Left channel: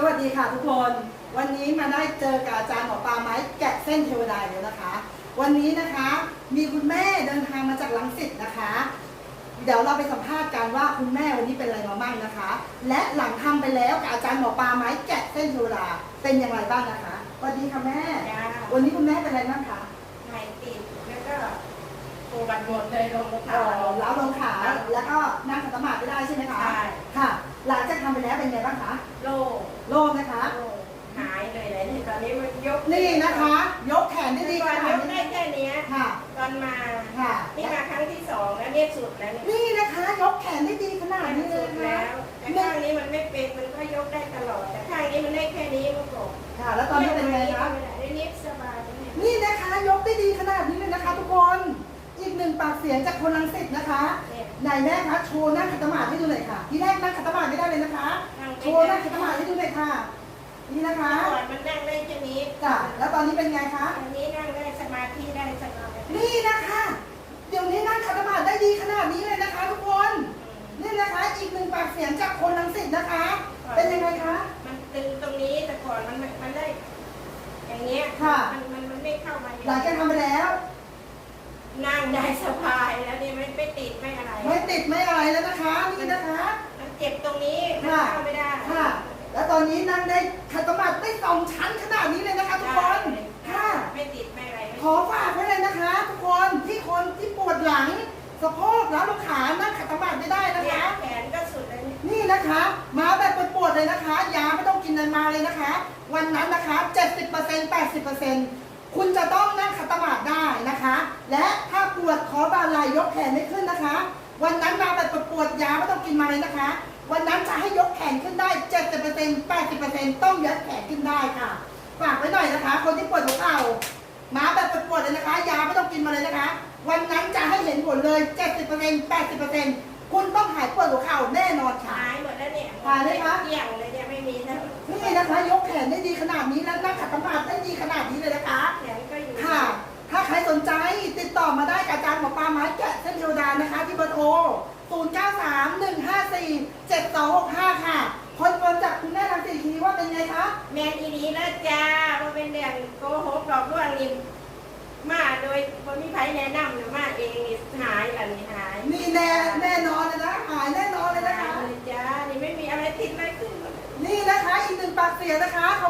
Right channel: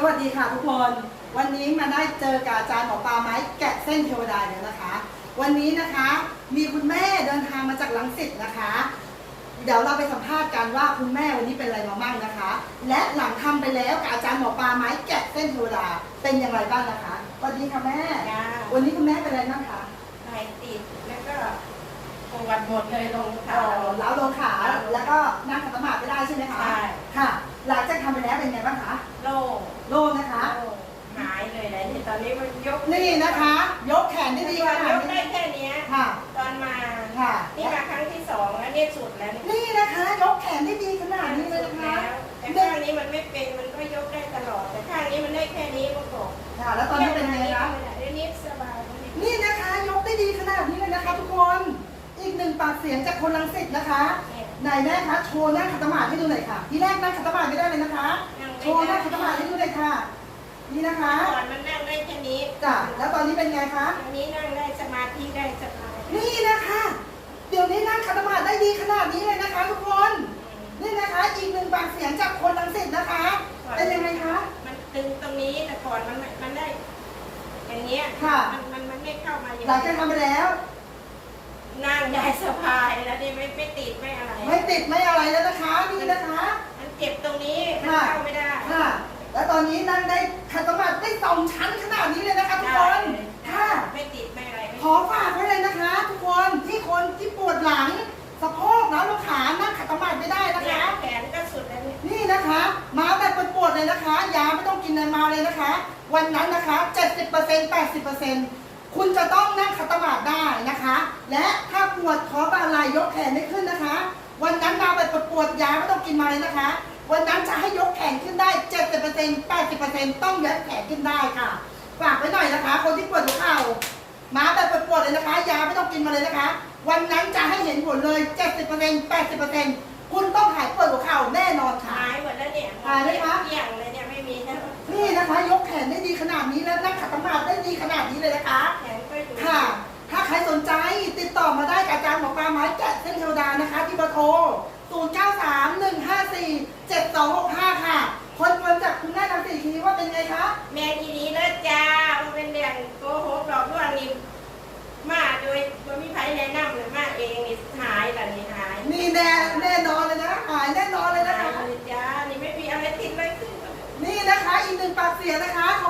สวัสดีค่ะทุกคน วันนี้มาได้เจอกับอาจารย์หมอปลาไม้แกะเส้นเทวดาแล้วนะคะ วันนี้นะคะมีคุณแม่เดินทางมาจากลังสิตนะคะ เดี๋ยวเราไปสัมภาษณ์กันว่าคุณแม่วันนี้เป็นอะไรมาบ้างนะคะ และหลังทำไปแล้วกับอาจารย์หมอปลาไม้แกะเส้นเทวดาเป็นยังไงบ้างนะคะสวัสดีค่ะแม่จ้าวันนี้คุณแม่เป็นอะไรบ้างคะไข่ติดแล้วก็ปวดหมดเลยตรงขาเอ่อล้าวลงขาแล้วก็นั่งขัดสมาธิไม่ได้ใช่ไหมคะใช่ค่ะ หลังจากทำไปแล้วเป็นยังไงบ้างคะโล่ง โล่งนะคะโล่งหายเลยนะที่ตอนนี้มันยกนี่นะคะ ยกแขนได้ดีตขอนนาดยกได้นี้แค่เนี้ยค่ะ ตอนมาค่ะ นี่มาครั้งที่สองแล้วเนี่ยสุดแล้วเนี่ยนี่นะคะ ยกแขนได้ดีขนาดนี้เลยสุดนะแล้คะวแต่ข้างนี้มันไม่เป็นมันก็ยกได้ตลอด แต่ข้างนี้มันได้แค่นี้มันบอกค่ะ แล้วตอนนี้เป็นยังไงคะ ได้นิดสบายนิดนี่นะคะยกได้ดีขนาดนี้เลยนะคะ ทุกคน อีกหนึ่งปากเสียงจากคนลังสิตนะคะเนี่ย ไหนแม่คะโชว์นั่งขัดสมาธิให้ดูหน่อยค่ะที่แรกนั่งขัดสมาธิไม่ได้เลยนะคะ โชว์นั่งขัดสมาธิให้ดูหน่อยค่ะ นี่นะคะก่อนมันนั่งได้แค่นี้จ้ะแล้วตอนนี้เป็นไงคะอันนี้นั่งได้สมาธิได้สบายนี่นะคะ เดี๋ยวนี้นั่งขัดสมาธิได้ดีขนาดนี้เลยนะคะทุกคนนี่นะคะอีกหนึ่งปากเสียงจากคนลังสิตนะคะ เป็นยังไงคะมันตึงตรงนี้แต่ก่อนมันไม่มันได้ อย่างเงี้ยค่ะมันมันมันไม่เข้ามาอย่างหลังจากทำไปแล้ว นั่งได้สบายแล้วนี่ไม่ไม่ติดไม่ นนี้นั่งได้ขัดสมาธิได้สองชั้นขนาดนี้เลยนะคะทุกคนค่ะไม่ติดไม่อะไรไม่ขอฝากไว้เลยนะคะ ทุกคนที่คนที่ปวดหลังสะโพกนะลูกขานั่งขัดสมาธิไม่ได้นะเนี่ยคะ แขนก็สุดแล้วเนี่ยนี่นะคะ มาแบบปวดๆเลยนะคะ ยาไม่ต้องกินนานมาเลยนะคะ วันนั้นนะคะ 70% 80%คุณจะต้องนั่งขัดสมาธิได้นะคะ และถ้าปวดขอบาไหลยกแขนไม่ขึ้นนะคะ วันนั้นมาแบบปวดๆยาไม่ต้องกินมาเลยนะคะ วันนั้นจะให้ยกแขนขึ้นได้ 70% 80%ต้องยกแขนขึ้นได้ค่ะฝากไว้หน่อยนะคะ คนที่ปวดหัวเข่ามาแบบปวดๆเลยนะคะ ยาไม่ต้องกินมาเลยนะคะ วันนั้นจะให้เห็นผลเลย 70% 80%คุณต้องหายปวดหัวเข่าแน่นอนค่ะ หายหมดแล้วเนี่ยหายไหมคะ เกลี่ยงเลยเนี่ยไม่มีนะนี่นะคะ ยกแขนได้ดีขนาดนี้แล้วนั่งขัดสมาธิได้ดีขนาดนี้เลยนะคะ แขนก็อยู่ค่ะ ถ้าใครสนใจติดต่อมาได้กับอาจารย์หมอปลาไม้แกะเส้นเทวดานะคะ ที่เบอร์โทร0 9 3 1 5 4 7 2 6 5 ค่ะ คนเฟิร์มจากคุณแม่ทางสี่ทีว่าเป็นไงคะแม่ทีนี้แล้วจ้าว่าเป็นเรื่องโกหกหลอกลวงนี่มาโดยบ่มีไผแนะนำหรือมาเองนี่หายล่ะนี่หายนี่แน่แน่นอนเลยนะหายแน่นอนเลยนะคะหายเลยจ้านี่ไม่มีอะไรติดไว้ขึ้นมาเลย นี่นะคะอีกหนึ่งปากเสียงนะคะ ข